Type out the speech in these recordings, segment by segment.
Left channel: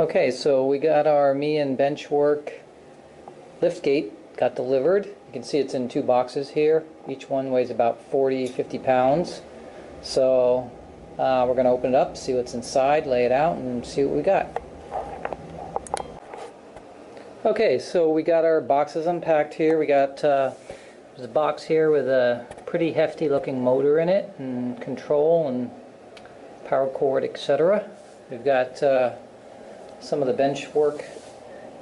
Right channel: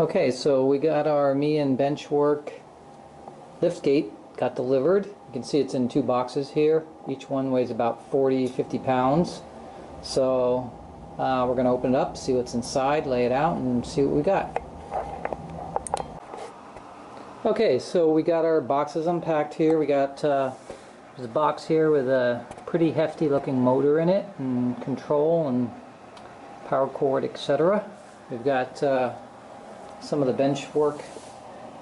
Okay, so we got our Mianne benchwork liftgate got delivered. You can see it's in two boxes here. Each one weighs about 40-50 pounds. So we're going to open it up, see what's inside, lay it out, and see what we got. Okay, so we got our boxes unpacked here. We got there's a box here with a pretty hefty looking motor in it, and control and power cord, etc. We've got some of the bench work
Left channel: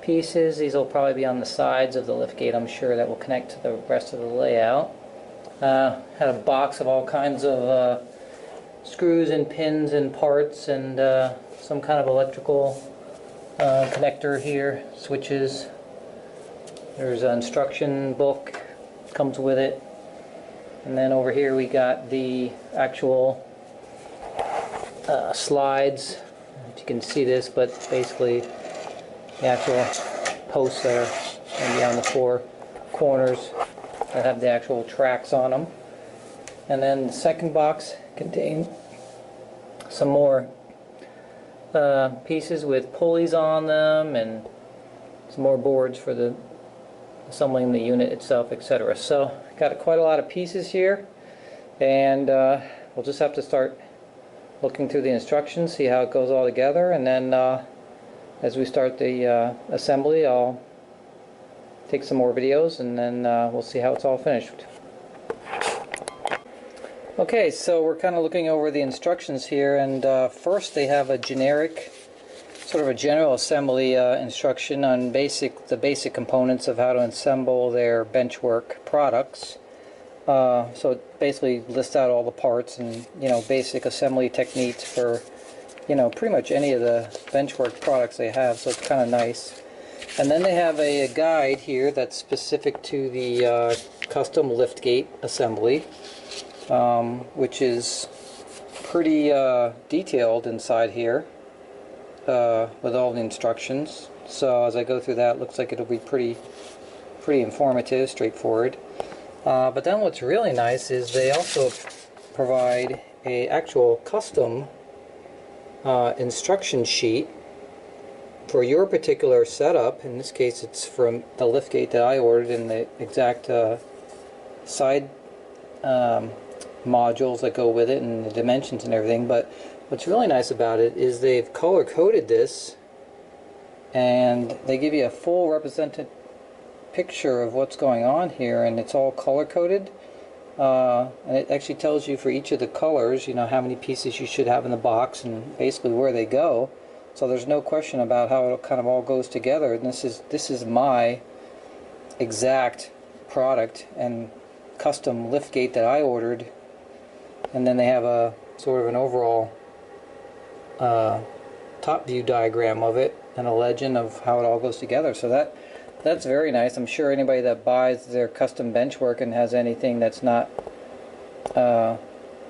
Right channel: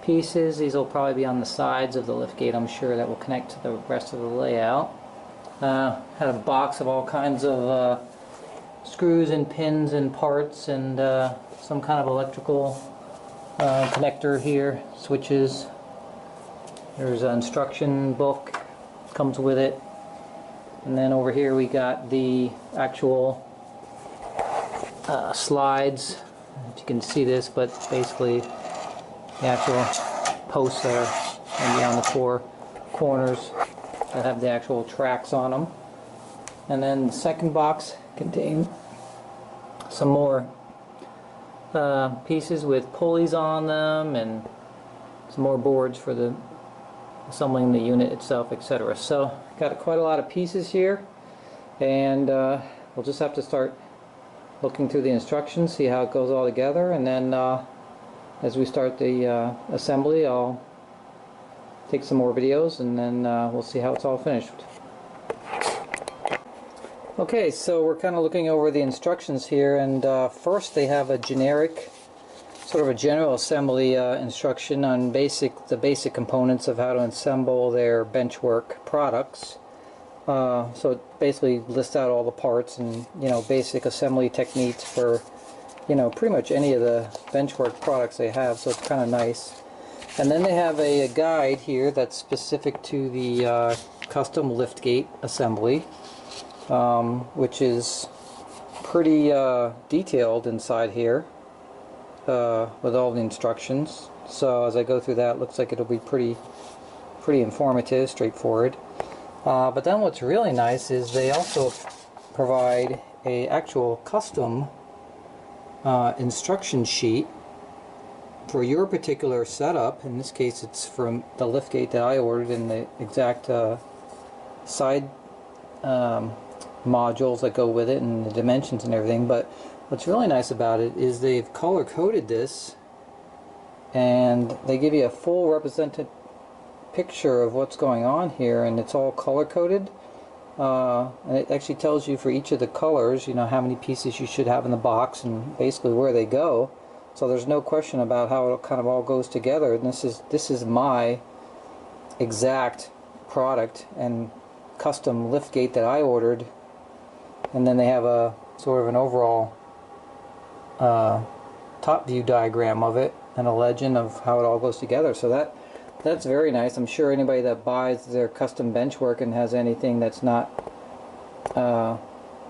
pieces. These will probably be on the sides of the liftgate, I'm sure, that will connect to the rest of the layout. Had a box of all kinds of screws and pins and parts, and some kind of electrical connector here, switches. There's an instruction book, comes with it. And then over here we got the actual slides. If you can see this, but basically the actual posts that are going to be on the four corners that have the actual tracks on them. And then the second box contains some more pieces with pulleys on them, and some more boards for the assembling the unit itself, etc. So got quite a lot of pieces here, and we'll just have to start looking through the instructions, see how it goes all together, and then as we start the assembly, I'll take some more videos, and then we'll see how it's all finished. Okay, so we're kind of looking over the instructions here, and first they have a generic, sort of a general assembly instruction on the basic components of how to assemble their benchwork products. So it basically lists out all the parts and, basic assembly techniques for, pretty much any of the benchwork products they have, so it's kind of nice. And then they have a guide here that's specific to the custom liftgate assembly, which is pretty detailed inside here with all the instructions. So as I go through that, it looks like it'll be pretty informative, straightforward. But then what's really nice is they also provide a actual custom instruction sheet for your particular setup. In this case, it's from the liftgate that I ordered, and the exact side modules that go with it, and the dimensions and everything. But what's really nice about it is they've color coded this, and they give you a full represented picture of what's going on here, and it's all color coded, and it actually tells you for each of the colors, how many pieces you should have in the box and basically where they go. So there's no question about how it kind of all goes together. And this is my exact product and custom liftgate that I ordered. And then they have a sort of an overall top view diagram of it and a legend of how it all goes together. So that's very nice. I'm sure anybody that buys their custom benchwork and has anything that's not the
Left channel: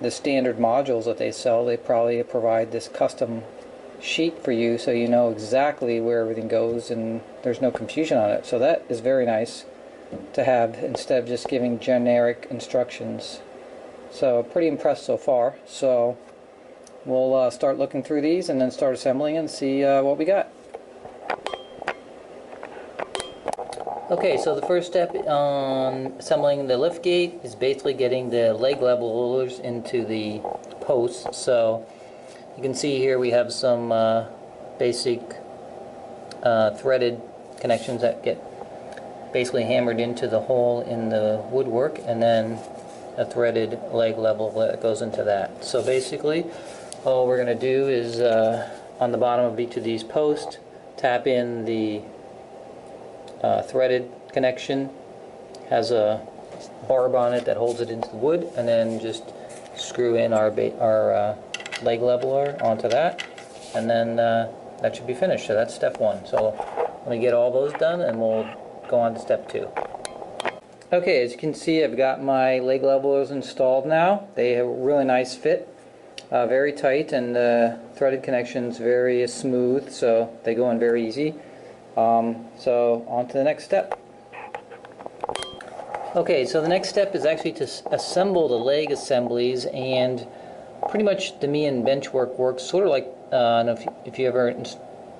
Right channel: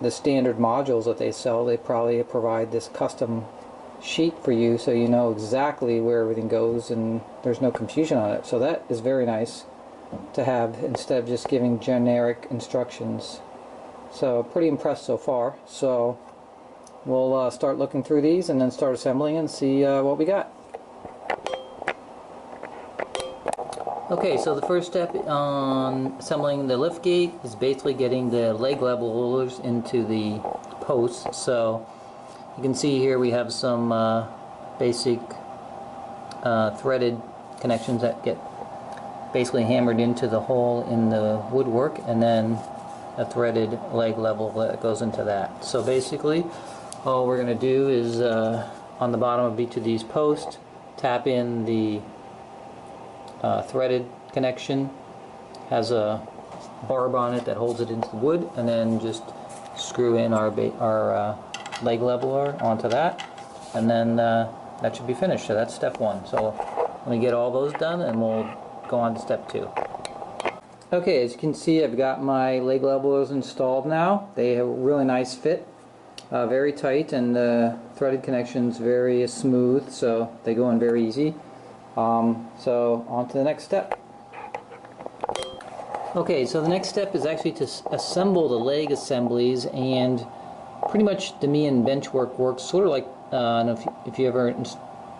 standard modules that they sell, they probably provide this custom sheet for you, so you know exactly where everything goes and there's no confusion on it. So that is very nice to have instead of just giving generic instructions. So pretty impressed so far. So we'll start looking through these and then start assembling and see what we got. Okay, so the first step on assembling the liftgate is basically getting the leg levelers into the posts. So you can see here we have some basic threaded connections that get basically hammered into the hole in the woodwork, and then a threaded leg level that goes into that. So basically all we're going to do is on the bottom of each of these posts, tap in the threaded connection, has a barb on it that holds it into the wood, and then just screw in our leg leveler onto that, and then that should be finished. So that's step one. So let me get all those done and we'll go on to step two. Okay, as you can see, I've got my leg levelers installed now. They have a really nice fit, very tight, and the threaded connections very smooth, so they go in very easy. So on to the next step. Okay, so the next step is actually to assemble the leg assemblies, and pretty much the Mianne benchwork works sort of like, I don't know if you ever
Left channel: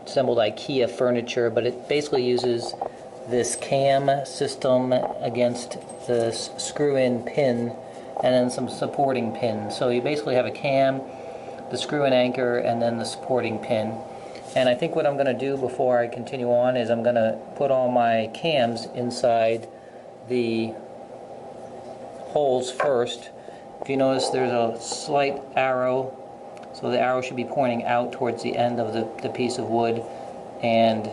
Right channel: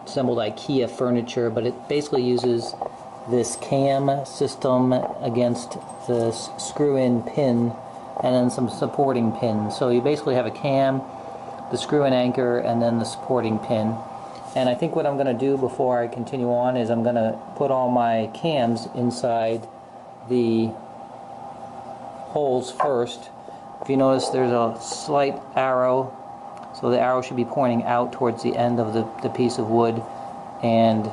assembled IKEA furniture, but it basically uses this cam system against the screw-in pin and then some supporting pins. So you basically have a cam, the screw-in anchor, and then the supporting pin. And I think what I'm going to do before I continue on is I'm going to put all my cams inside the holes first. If you notice, there's a slight arrow, so the arrow should be pointing out towards the end of the piece of wood, and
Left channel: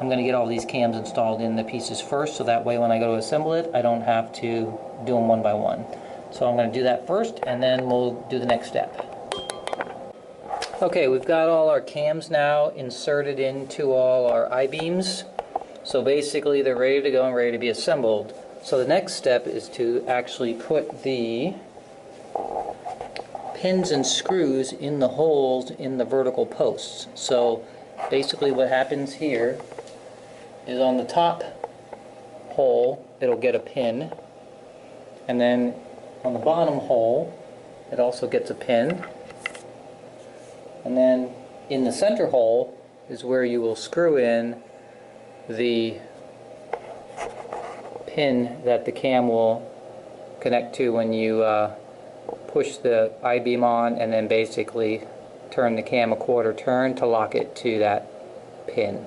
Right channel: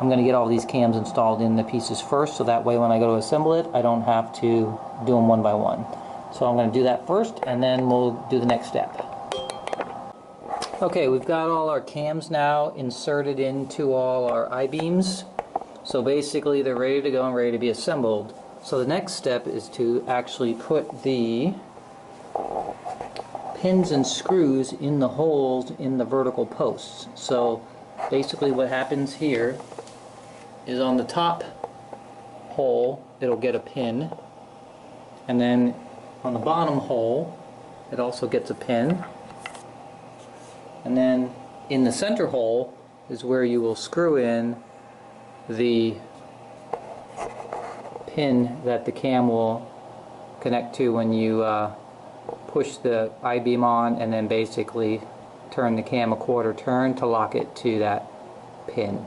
I'm going to get all these cams installed in the pieces first, so that way when I go to assemble it, I don't have to do them one by one. So I'm going to do that first, and then we'll do the next step. Okay, we've got all our cams now inserted into all our I-beams. So basically they're ready to go and ready to be assembled. So the next step is to actually put the pins and screws in the holes in the vertical posts. So basically what happens here is on the top hole it'll get a pin, and then on the bottom hole it also gets a pin. And then in the center hole is where you will screw in the pin that the cam will connect to when you push the I-beam on, and then basically turn the cam a quarter turn to lock it to that pin.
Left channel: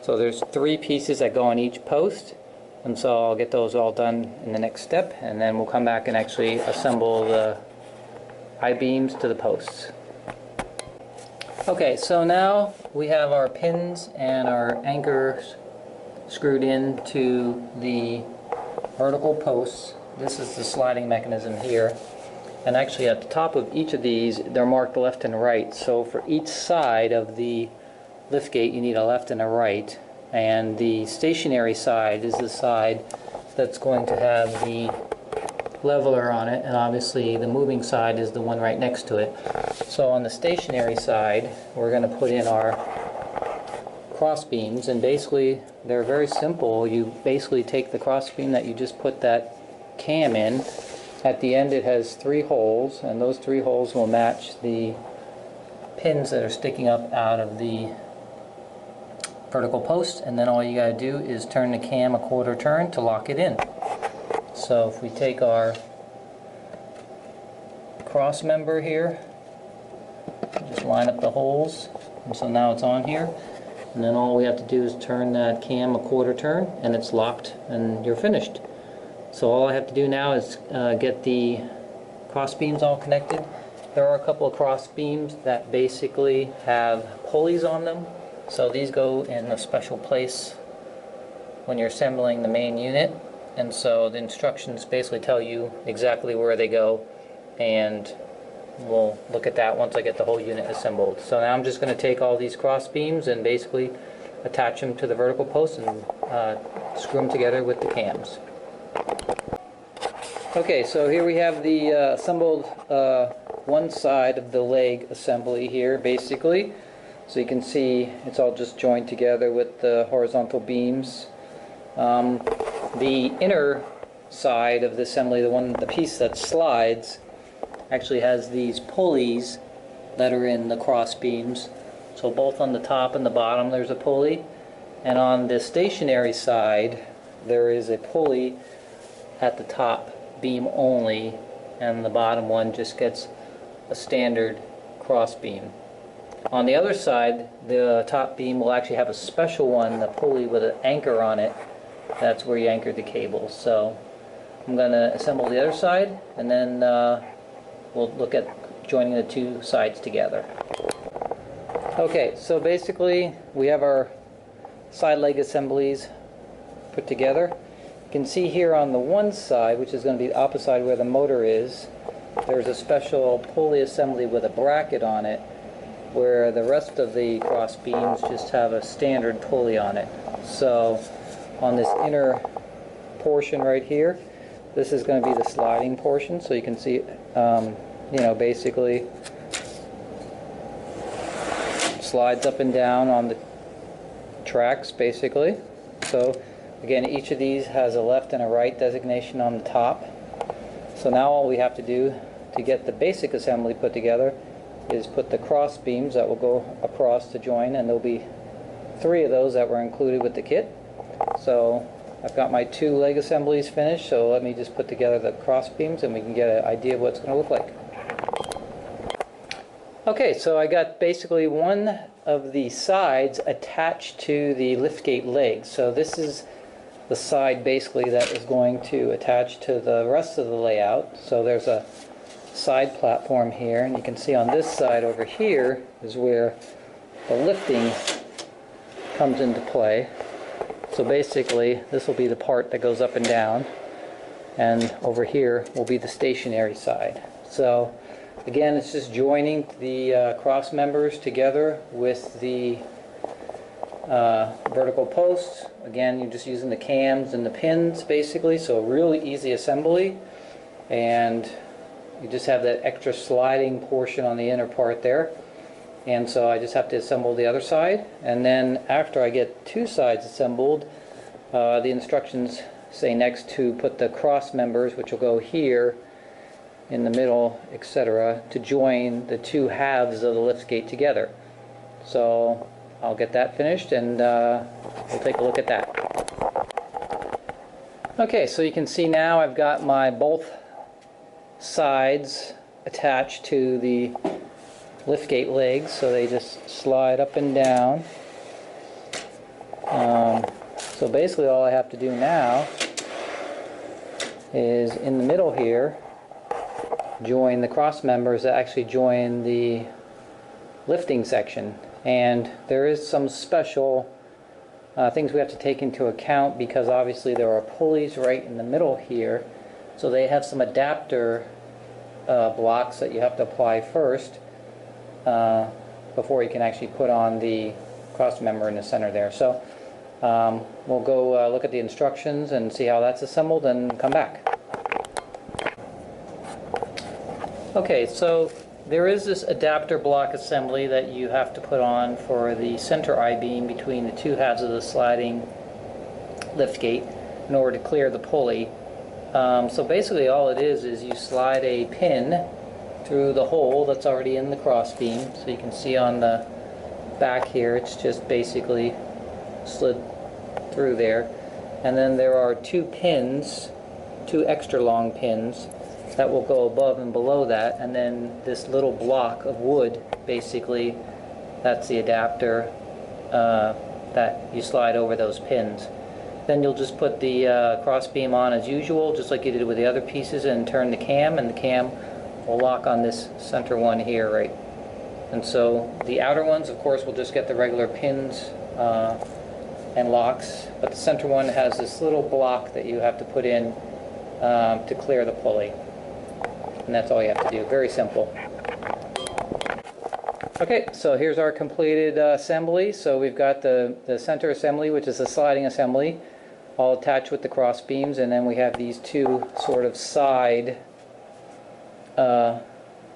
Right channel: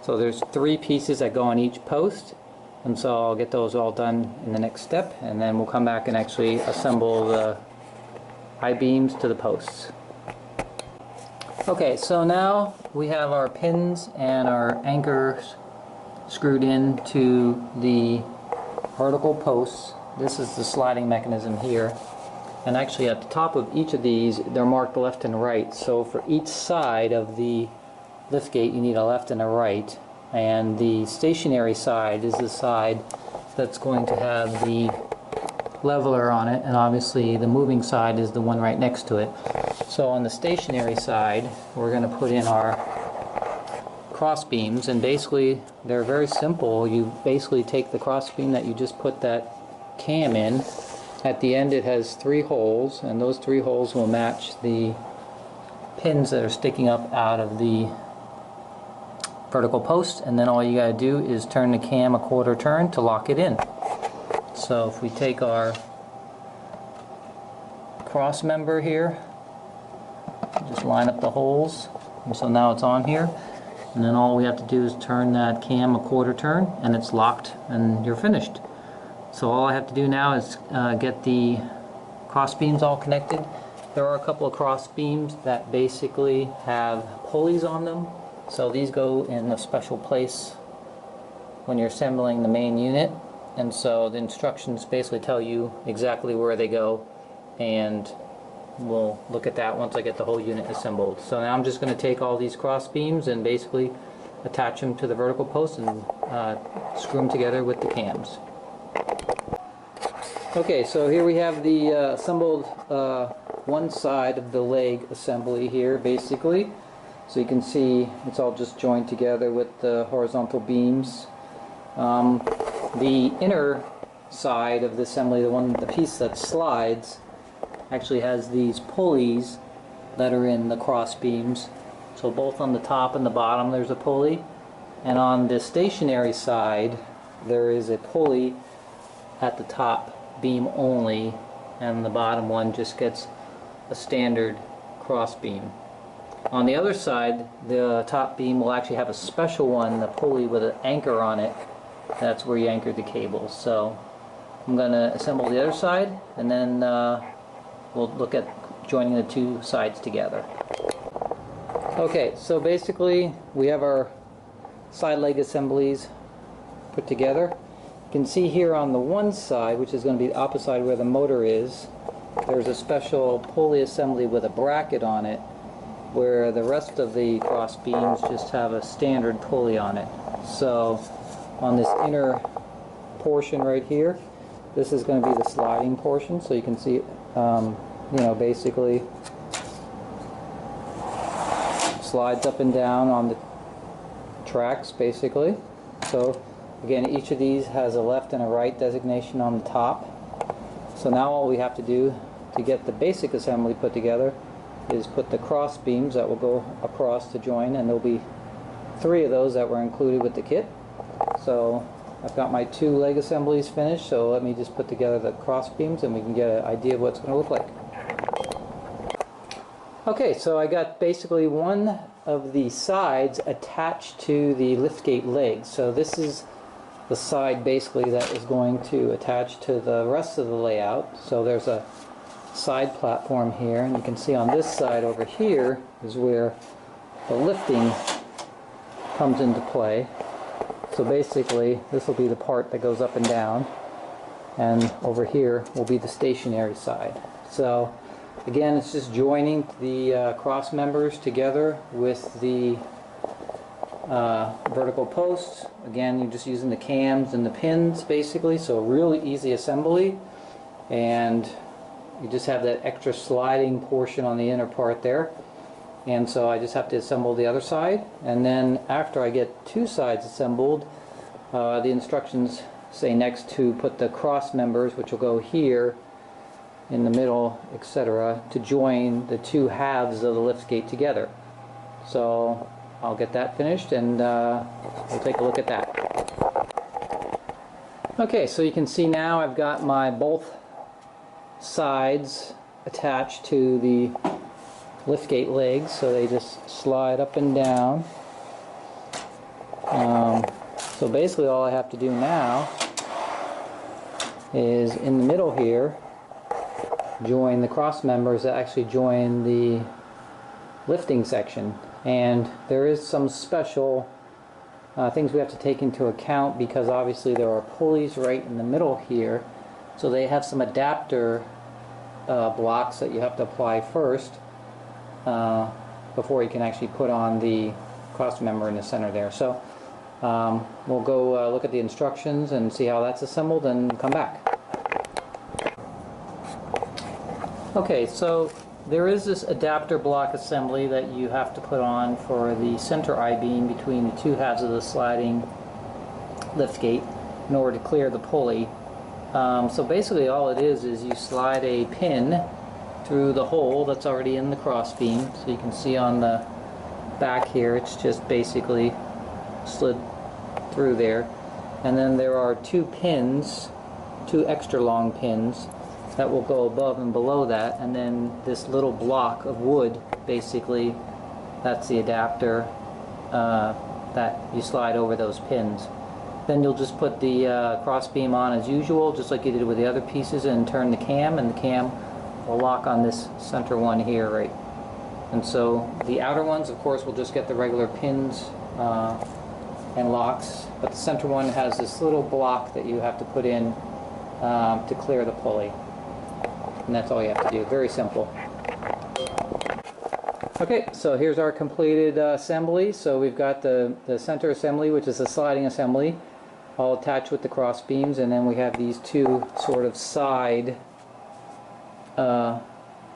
So there's 3 pieces that go on each post, and so I'll get those all done in the next step, and then we'll come back and actually assemble the I-beams to the posts. Okay, so now we have our pins and our anchors screwed into the vertical posts. This is the sliding mechanism here, and actually at the top of each of these they're marked left and right, so for each side of the liftgate you need a left and a right, and the stationary side is the side that's going to have the leveler on it, and obviously the moving side is the one right next to it. So on the stationary side we're going to put in our cross beams, and basically they're very simple. You basically take the cross beam that you just put that cam in. At the end it has 3 holes, and those 3 holes will match the pins that are sticking up out of the vertical post, and then all you gotta do is turn the cam a quarter turn to lock it in. So if we take our cross member here, just line up the holes, and so now it's on here, and then all we have to do is turn that cam a quarter turn and it's locked and you're finished. So all I have to do now is get the cross beams all connected. There are a couple of cross beams that basically have pulleys on them, so these go in a special place when you're assembling the main unit, and so the instructions basically tell you exactly where they go, and we'll look at that once I get the whole unit assembled. So now I'm just going to take all these cross beams and basically attach them to the vertical post and screw them together with the cams. Okay, so here we have the assembled one side of the leg assembly here basically. So you can see it's all just joined together with the horizontal beams. The inner side of the assembly, the piece that slides, actually has these pulleys that are in the cross beams. So both on the top and the bottom there's a pulley, and on the stationary side there is a pulley at the top beam only, and the bottom one just gets a standard cross beam. On the other side, the top beam will actually have a special one, the pulley with an anchor on it. That's where you anchor the cables. So I'm going to assemble the other side, and then we'll look at joining the 2 sides together. Okay, so basically we have our side leg assemblies put together. You can see here on the one side, which is going to be the opposite side where the motor is, there's a special pulley assembly with a bracket on it, where the rest of the cross beams just have a standard pulley on it. So on this inner portion right here, this is going to be the sliding portion, so you can see basically slides up and down on the tracks basically. So again, each of these has a left and a right designation on the top. So now all we have to do to get the basic assembly put together is put the cross beams that will go across to join, and they'll be 3 of those that were included with the kit. So I've got my 2 leg assemblies finished, so let me just put together the cross beams and we can get an idea of what it's going to look like. Okay, so I got basically one of the sides attached to the liftgate legs. So this is the side basically that is going to attach to the rest of the layout. So there's a side platform here, and you can see on this side over here is where the lifting comes into play. So basically this will be the part that goes up and down, and over here will be the stationary side. So again, it's just joining the cross members together with the vertical posts. Again, you're just using the cams and the pins basically, so really easy assembly, and you just have that extra sliding portion on the inner part there. And so I just have to assemble the other side, and then after I get 2 sides assembled, the instructions say next to put the cross members, which will go here in the middle, etc., to join the 2 halves of the liftgate together. So I'll get that finished, and we'll take a look at that. Okay, so you can see now I've got my both sides attached to the liftgate legs, so they just slide up and down. So basically all I have to do now is in the middle here join the cross members that actually join the lifting section. And there is some special things we have to take into account, because obviously there are pulleys right in the middle here, so they have some adapter blocks that you have to apply first before you can actually put on the cross member in the center there. So we'll go look at the instructions and see how that's assembled and come back. Okay, so there is this adapter block assembly that you have to put on for the center I-beam between the 2 halves of the sliding liftgate in order to clear the pulley. So basically all it is you slide a pin through the hole that's already in the cross beam. So you can see on the back here it's just basically slid through there, and then there are 2 pins, 2 extra long pins that will go above and below that, and then this little block of wood, basically that's the adapter that you slide over those pins. Then you'll just put the cross beam on as usual, just like you did with the other pieces, and turn the cam, and the cam will lock on this center one here, right? And so the outer ones, of course, will just get the regular pins and locks, but the center one has this little block that you have to put in to clear the pulley. And that's all you have to do. Very simple. Okay, so here's our completed assembly. So we've got the center assembly, which is a sliding assembly, all attached with the cross beams, and then we have these 2 sort of side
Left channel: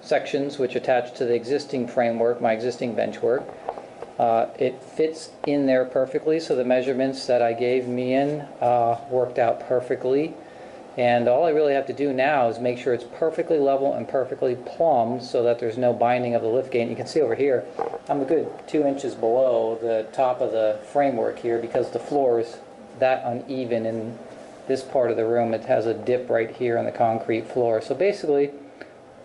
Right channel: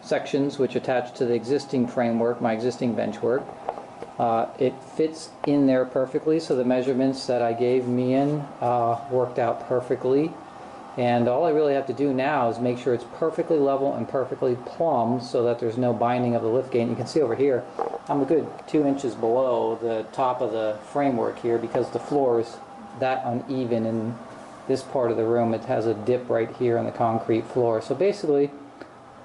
sections which attach to the existing framework, my existing benchwork. It fits in there perfectly, so the measurements that I gave Mianne worked out perfectly. And all I really have to do now is make sure it's perfectly level and perfectly plumb so that there's no binding of the liftgate. And you can see over here, I'm a good 2 inches below the top of the framework here, because the floor is that uneven in this part of the room. It has a dip right here on the concrete floor. So basically,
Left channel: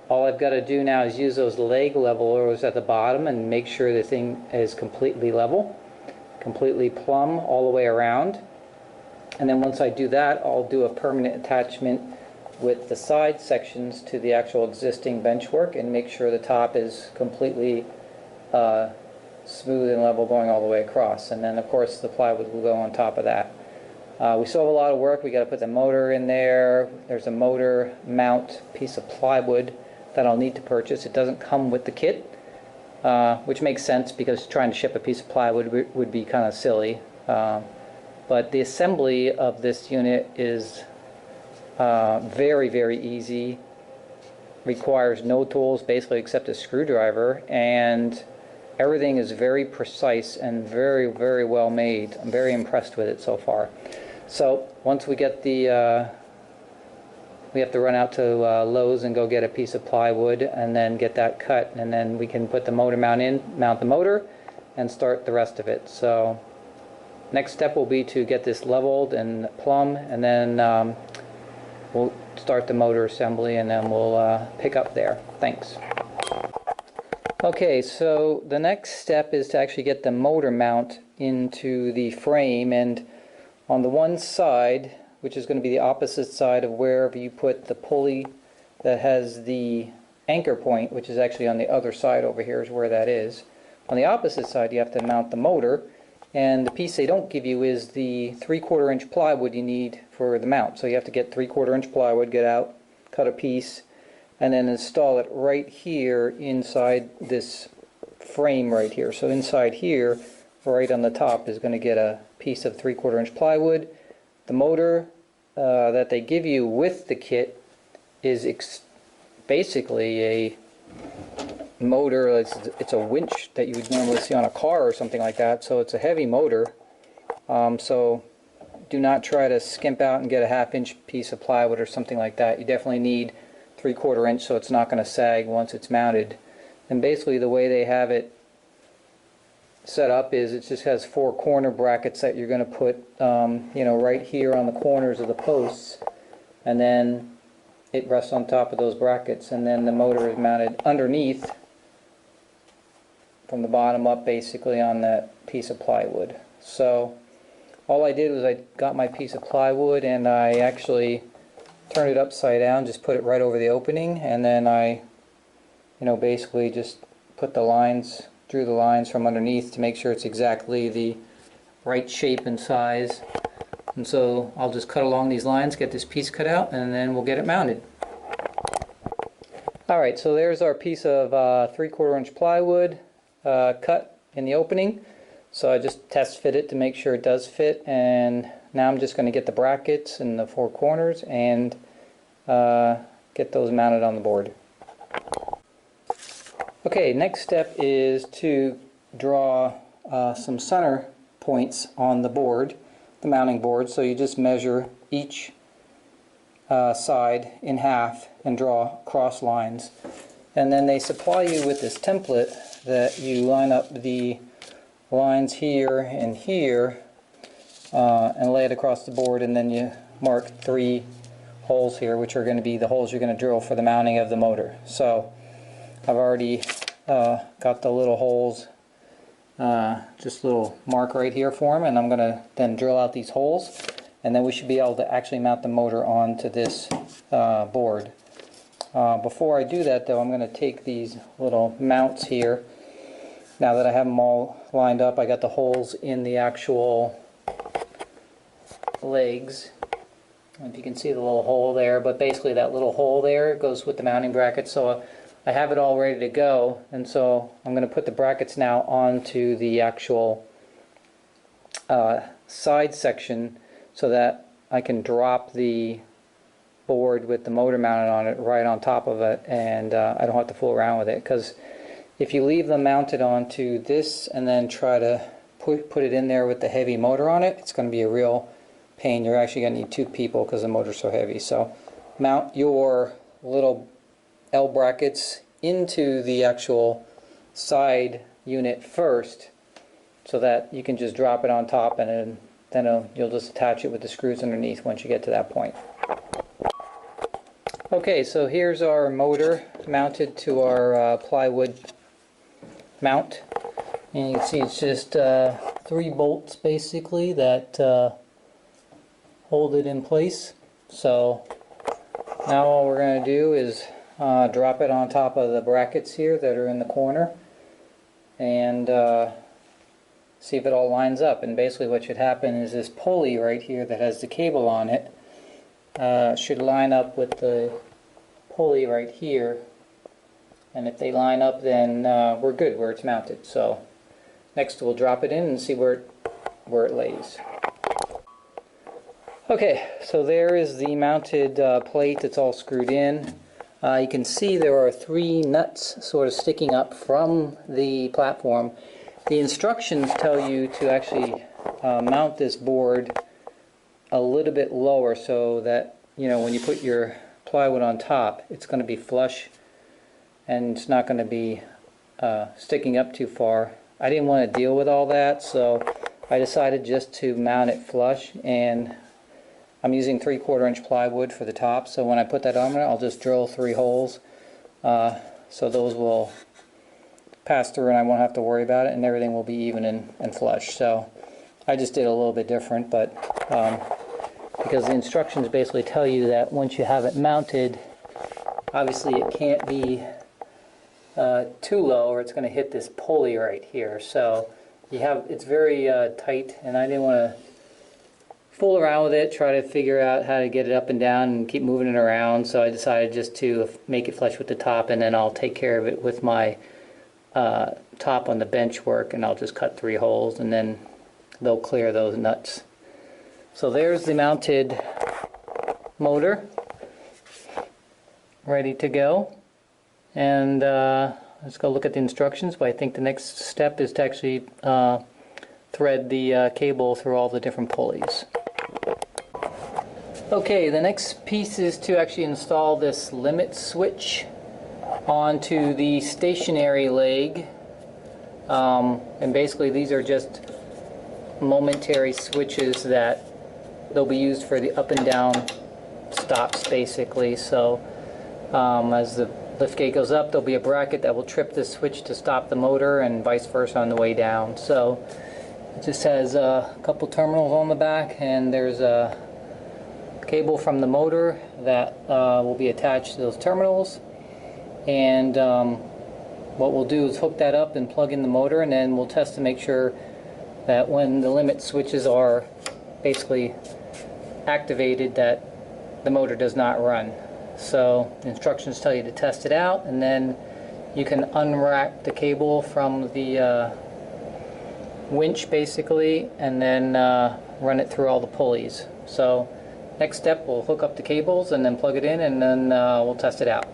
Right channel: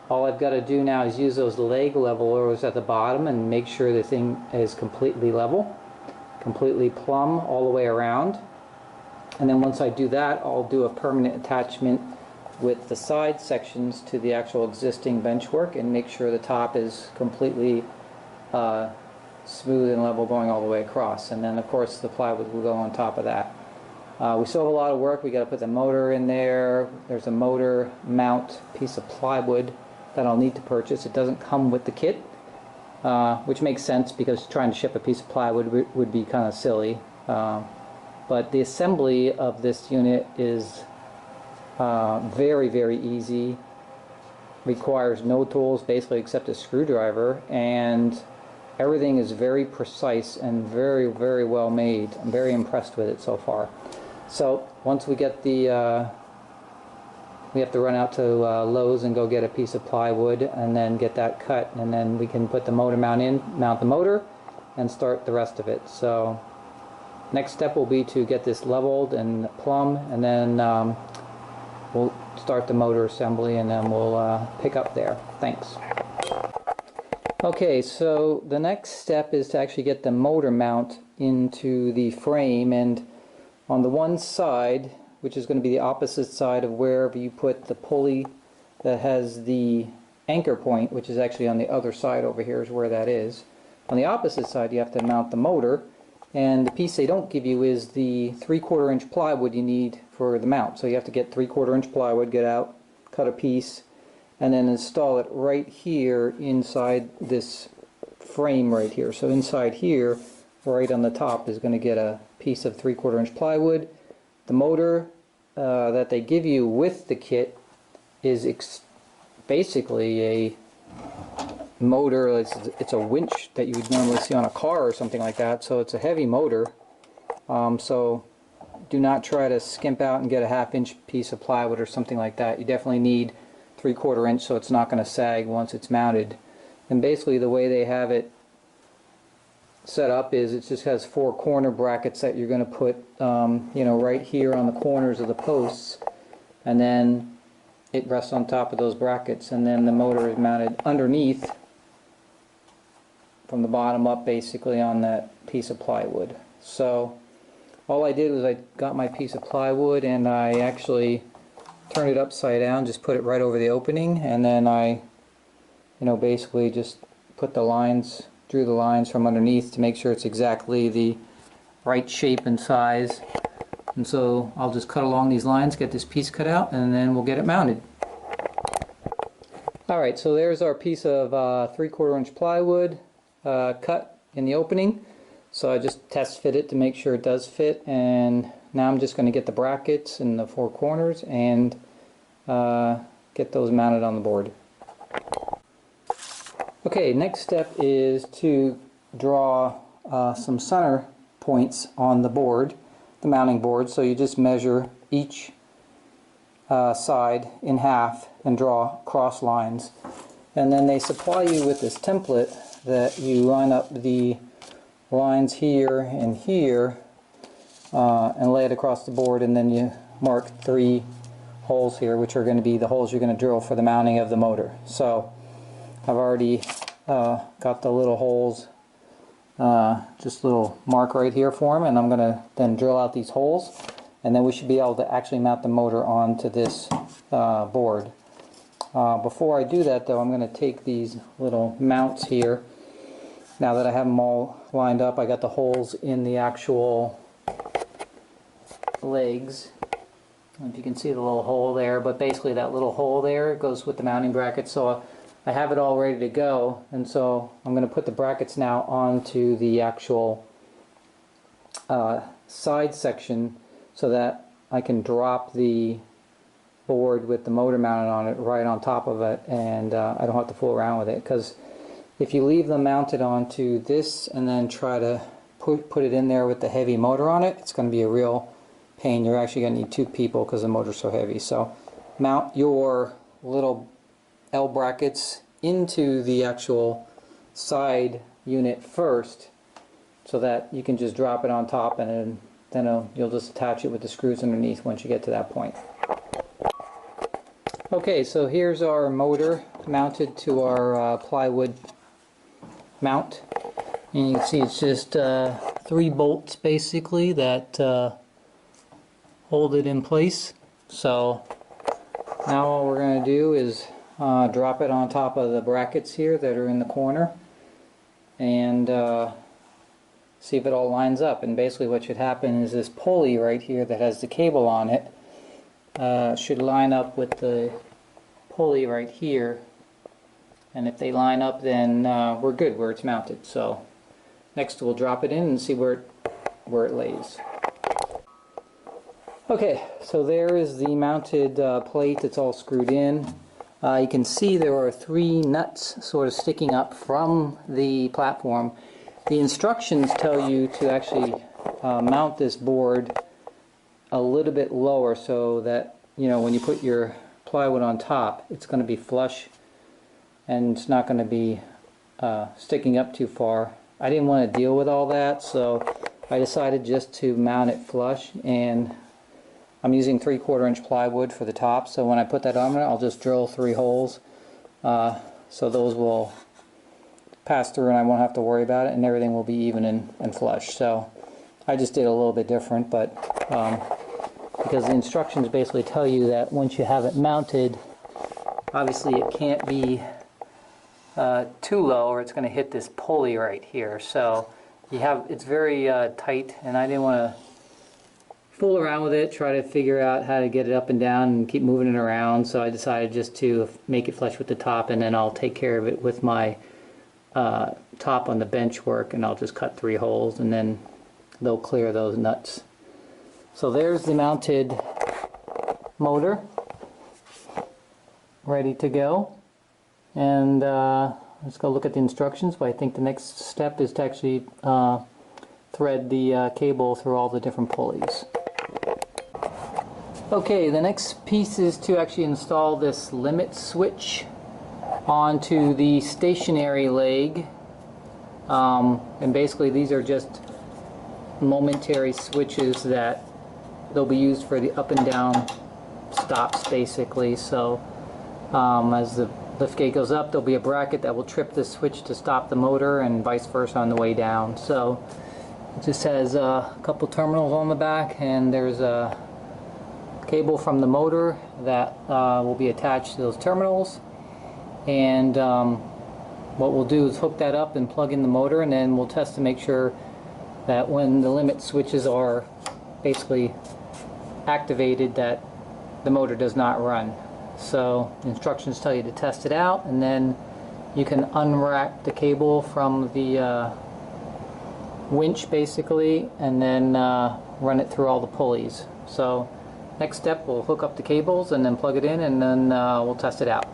all I've got to do now is use those leg levelers at the bottom and make sure the thing is completely level, completely plumb all the way around. And then once I do that, I'll do a permanent attachment with the side sections to the actual existing benchwork and make sure the top is completely smooth and level going all the way across. And then of course the plywood will go on top of that. We still have a lot of work. We got to put the motor in there. There's a motor mount piece of plywood that I'll need to purchase. It doesn't come with the kit, which makes sense because trying to ship a piece of plywood would be kind of silly. But the assembly of this unit is very, very easy. Requires no tools basically except a screwdriver, and everything is very precise and very, very well made. I'm very impressed with it so far. So once we get the we have to run out to Lowe's and go get a piece of plywood and then get that cut, and then we can put the motor mount in, mount the motor, and start the rest of it. So next step will be to get this leveled and plumb, and then we'll start the motor assembly, and then we'll pick up there. Thanks. Okay, so the next step is to actually get the motor mount into the frame, and on the one side, which is going to be the opposite side of wherever you put the pulley that has the anchor point, which is actually on the other side over here is where that is. On the opposite side you have to mount the motor, and the piece they don't give you is the 3/4 inch plywood you need for the mount. So you have to get 3/4 inch plywood, get out, cut a piece, and then install it right here inside this frame right here. So inside here, right on the top, is going to get a piece of 3/4 inch plywood. The motor that they give you with the kit is basically a motor. It's a winch that you would normally see on a car or something like that, so it's a heavy motor. So do not try to skimp out and get a 1/2 inch piece of plywood or something like that. You definitely need 3/4 inch so it's not going to sag once it's mounted. And basically the way they have it set up is it just has 4 corner brackets that you're going to put you know, right here on the corners of the posts, and then it rests on top of those brackets, and then the motor is mounted underneath from the bottom up, basically on that piece of plywood. So all I did was I got my piece of plywood and I actually turned it upside down, just put it right over the opening, and then I, you know, basically just put the lines, drew the lines from underneath to make sure it's exactly the right shape and size. And so I'll just cut along these lines, get this piece cut out, and then we'll get it mounted. Alright, so there's our piece of 3/4 inch plywood cut in the opening. So I just test fit it to make sure it does fit, and now I'm just going to get the brackets in the 4 corners and get those mounted on the board. Okay, next step is to draw some center points on the board, the mounting board. So you just measure each side in half and draw cross lines, and then they supply you with this template that you line up the lines here and here and lay it across the board, and then you mark 3 holes here, which are going to be the holes you're going to drill for the mounting of the motor. So I've already got the little holes, just a little mark right here for them, and I'm going to then drill out these holes, and then we should be able to actually mount the motor onto this board. Before I do that though, I'm going to take these little mounts here. Now that I have them all lined up, I got the holes in the actual legs. I don't know if you can see the little hole there, but basically that little hole there goes with the mounting bracket. So I have it all ready to go, and so I'm going to put the brackets now onto the actual side section so that I can drop the board with the motor mounted on it right on top of it, and I don't have to fool around with it, because if you leave them mounted onto this and then try to put it in there with the heavy motor on it, it's going to be a real pain. You're actually going to need 2 people because the motor's so heavy. So mount your little L brackets into the actual side unit first, so that you can just drop it on top, and then you'll just attach it with the screws underneath once you get to that point. Okay, so here's our motor mounted to our plywood mount, and you can see it's just 3 bolts basically that hold it in place. So now all we're going to do is drop it on top of the brackets here that are in the corner, and see if it all lines up. And basically what should happen is this pulley right here that has the cable on it should line up with the pulley right here, and if they line up, then we're good where it's mounted. So next we'll drop it in and see where it lays. Okay, so there is the mounted plate. It's all screwed in. You can see there are 3 nuts sort of sticking up from the platform. The instructions tell you to actually mount this board a little bit lower, so that, you know, when you put your plywood on top, it's going to be flush and it's not going to be sticking up too far I didn't want to deal with all that, so I decided just to mount it flush, and I'm using 3/4 inch plywood for the top, so when I put that on there, I'll just drill 3 holes, so those will pass through and I won't have to worry about it, and everything will be even and flush. So I just did a little bit different, but because the instructions basically tell you that once you have it mounted, obviously it can't be too low or it's going to hit this pulley right here. So it's very tight, and I didn't want to fool around with it, try to figure out how to get it up and down and keep moving it around. So I decided just to make it flush with the top, and then I'll take care of it with my top on the bench work, and I'll just cut 3 holes and then they'll clear those nuts. So there's the mounted motor ready to go, and let's go look at the instructions. But I think the next step is to actually thread the cable through all the different pulleys. Okay, the next piece is to actually install this limit switch onto the stationary leg, and basically these are just momentary switches that they'll be used for the up and down stops basically. So as the lift gate goes up, there'll be a bracket that will trip the switch to stop the motor, and vice versa on the way down. So it just has a couple terminals on the back, and there's a cable from the motor that will be attached to those terminals. And what we'll do is hook that up and plug in the motor, and then we'll test to make sure that when the limit switches are basically activated, that the motor does not run. So the instructions tell you to test it out, and then you can unwrap the cable from the winch basically, and then run it through all the pulleys. So next step, we'll hook up the cables and then plug it in, and then we'll test it out.